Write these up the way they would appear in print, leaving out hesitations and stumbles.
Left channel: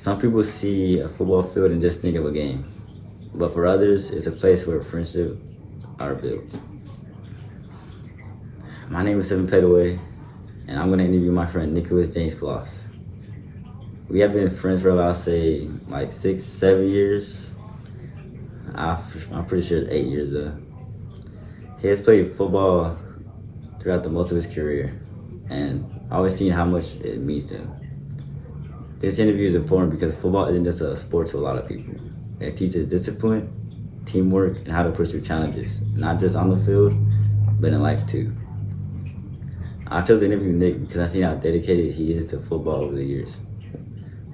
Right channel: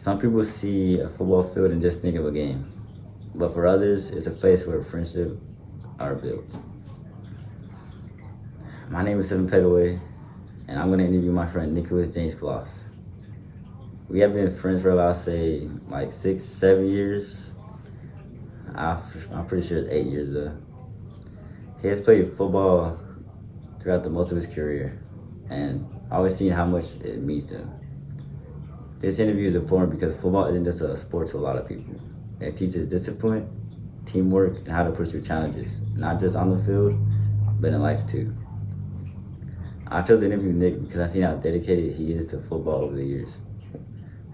Some people see a football field and just think of a game, but for others, it's a place where friendships are built. My name is Seven Petaway, and I'm going to interview my friend Nicholas James Kloss. We have been friends for about, say, like 6, 7 years. I'm pretty sure it's 8 years though. He has played football throughout the most of his career, and I've always seen how much it means to him. This interview is important because football isn't just a sport to a lot of people. It teaches discipline, teamwork, and how to push through challenges, not just on the field, but in life too. I chose to interview Nick because I've seen how dedicated he is to football over the years.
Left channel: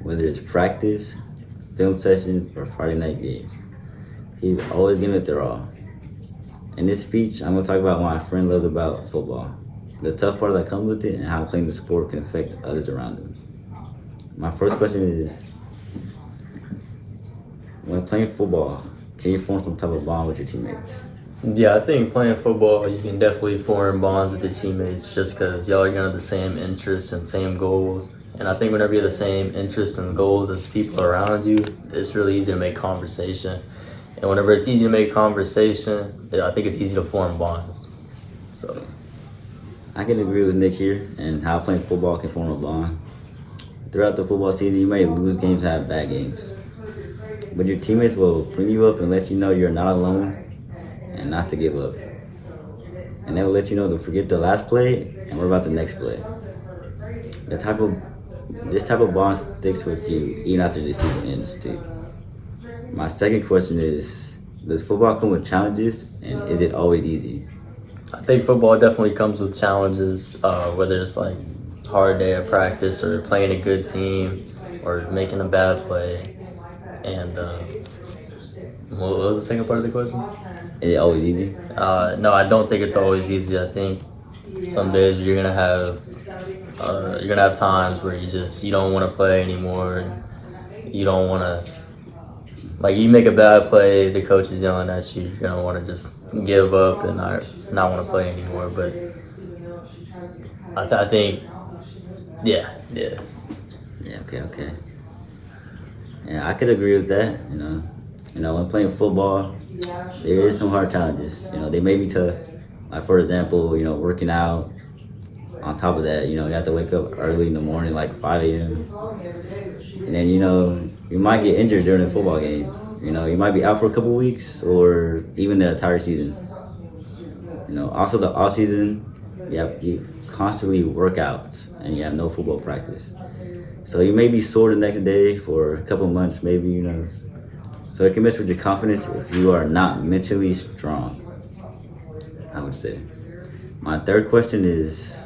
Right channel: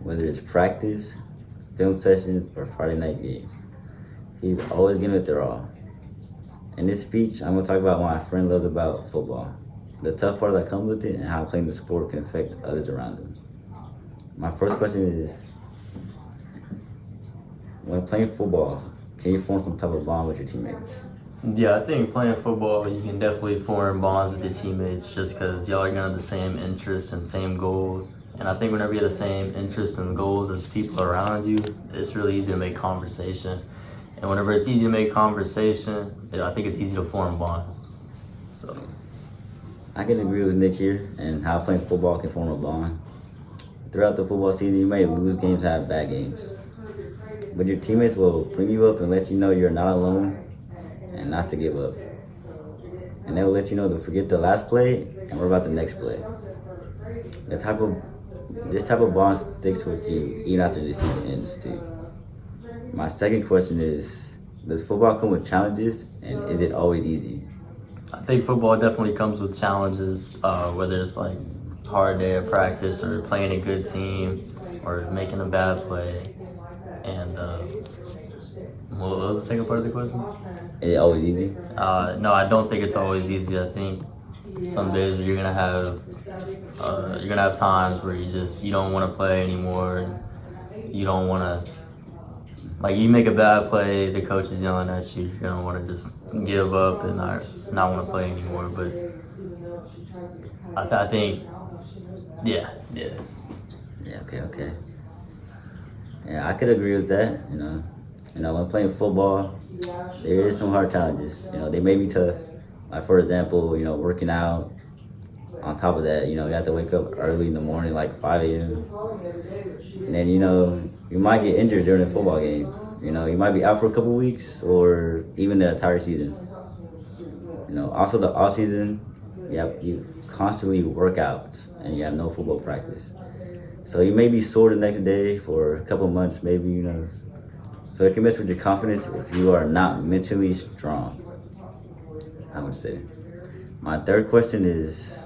Whether it's practice, film sessions, or Friday night games, he's always giving it their all. In this speech, I'm going to talk about what my friend loves about football, the tough part that comes with it, and how playing the sport can affect others around him. My first question is, when playing football, can you form some type of bond with your teammates? Yeah, I think playing football, you can definitely form bonds with your teammates just because y'all are gonna have the same interests and same goals. And I think whenever you have the same interests and goals as people around you, it's really easy to make conversation. And whenever it's easy to make conversation, I think it's easy to form bonds. So I can agree with Nick here and how playing football can form a bond. Throughout the football season, you may lose games and have bad games, but your teammates will bring you up and let you know you're not alone and not to give up. And they will let you know to forget the last play and worry about the next play. This type of bond sticks with you even after the season ends too. My second question is, does football come with challenges, and is it always easy? I think football definitely comes with challenges, whether it's like a hard day of practice or playing a good team or making a bad play. And what was the second part of the question? Is it always easy? No, I don't think it's always easy. I think some days you're gonna have times where you don't want to play anymore, and you don't want to, like, you make a bad play, the coach is yelling at you, you're gonna want to just give up and not want to play anymore. But I think, yeah. Yeah, okay. Yeah, I could agree with that. You know, when playing football, there is some hard challenges. You know, they may be tough. Like, for example, working out. On top of that, you have to wake up early in the morning, like 5 a.m. And then, you might get injured during the football game. You might be out for a couple weeks or even the entire season. Also the off season, you constantly work out and you have no football practice. So you may be sore the next day for a couple months, maybe, So it can mess with your confidence if you are not mentally strong, I would say. My third question is,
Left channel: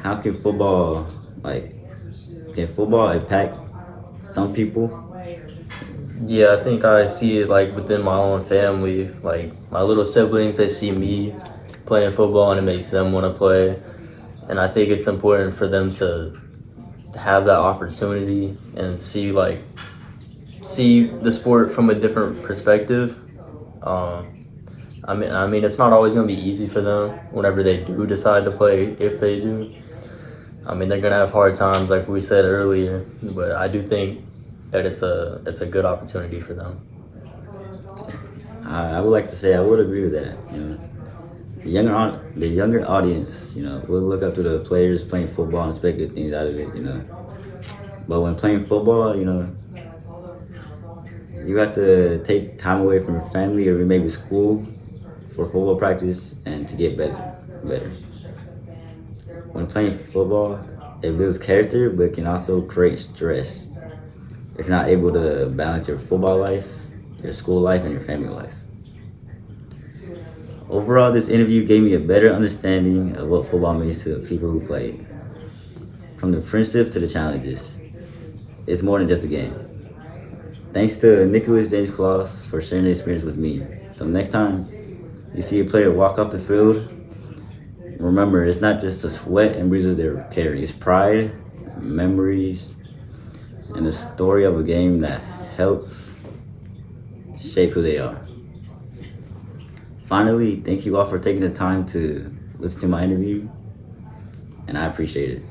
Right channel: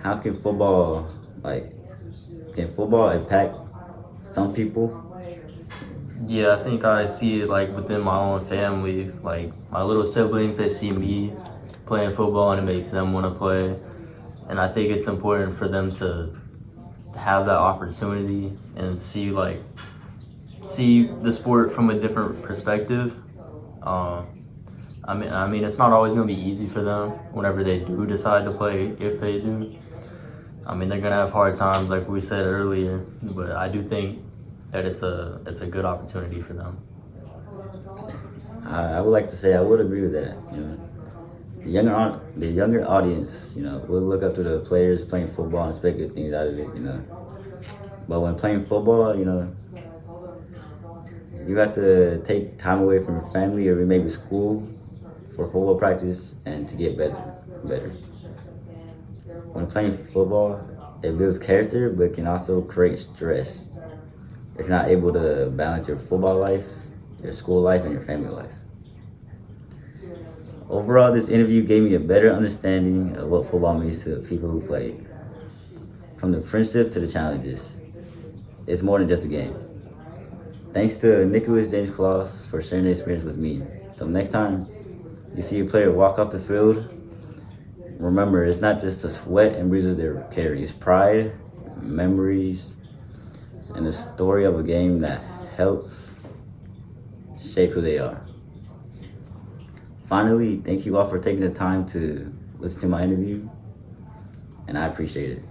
how can football impact some people? Yeah, I think I see it like within my own family, like my little siblings, they see me playing football and it makes them want to play. And I think it's important for them to have that opportunity and see the sport from a different perspective. I mean, it's not always gonna be easy for them whenever they do decide to play, if they do. I mean, they're gonna have hard times, like we said earlier, but I do think that it's a good opportunity for them. I would like to say I would agree with that. The younger audience, will look up to the players playing football and expect good things out of it. But when playing football, you have to take time away from your family or maybe school for football practice and to get better. When playing football, it builds character, but it can also create stress if you're not able to balance your football life, your school life, and your family life. Overall, this interview gave me a better understanding of what football means to the people who play it. From the friendship to the challenges, it's more than just a game. Thanks to Nicholas James Kloss for sharing the experience with me. So next time you see a player walk off the field, remember, it's not just the sweat and bruises they're carrying. It's pride, memories, and the story of a game that helps shape who they are. Finally, thank you all for taking the time to listen to my interview, and I appreciate it.